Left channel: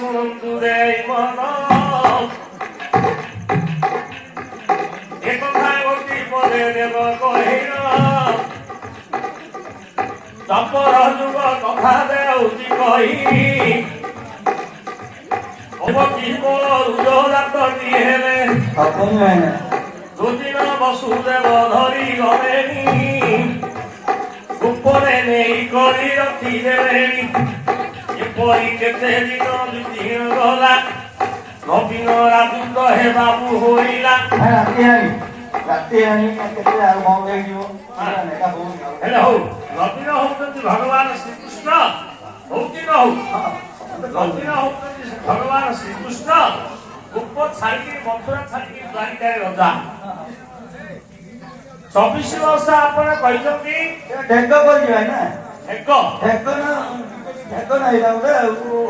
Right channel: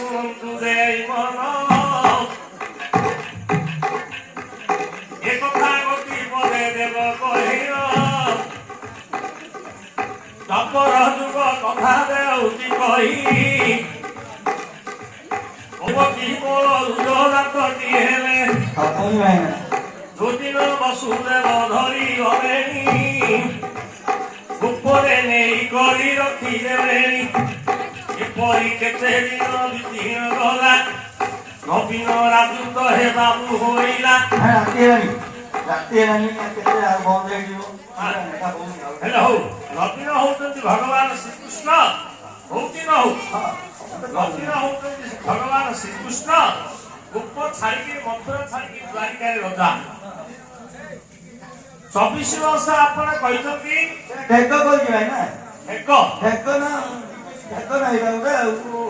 ଶୁଣନ୍ତୁ ରେ ମନ ଏ କଥା ଗୋଟି ପଦେ ଦେବ କହିଲ ତପର ଯୁଗ କଥା ଦେଉଛି କହି ଅବକିବ ଉଜଲାଟଟି ହେଲେ দুদিন বসুদেব ধরি গলেনি উপরে নেই করি রখিদেলেনি এপরি কেতে দিন বিতি গলা নবীন রাজুত হেবাবু হইলা ହେଲେ ହଉ ନବୀନ ହଉଛନ୍ତି ଭଗବାନ ଶ୍ରୀକୃଷ୍ଣ ହଉଛି ନା ହଉ ନବୀନ ହଉଛନ୍ତି ଭଗବାନ ଶ୍ରୀକୃଷ୍ଣ ଗୋପ ଛାଡ଼ିକି ମଥୁରା ଛାଡ଼ିକି ଦ୍ୱାରିକାରେ ରଜା 24 ବର୍ଷ ଆପଣ କହିଛନ୍ତି ଢେକ କରିଯିବା ନା ଏକ ଢେକ ନା ଏଇଟା ଗୋଟେ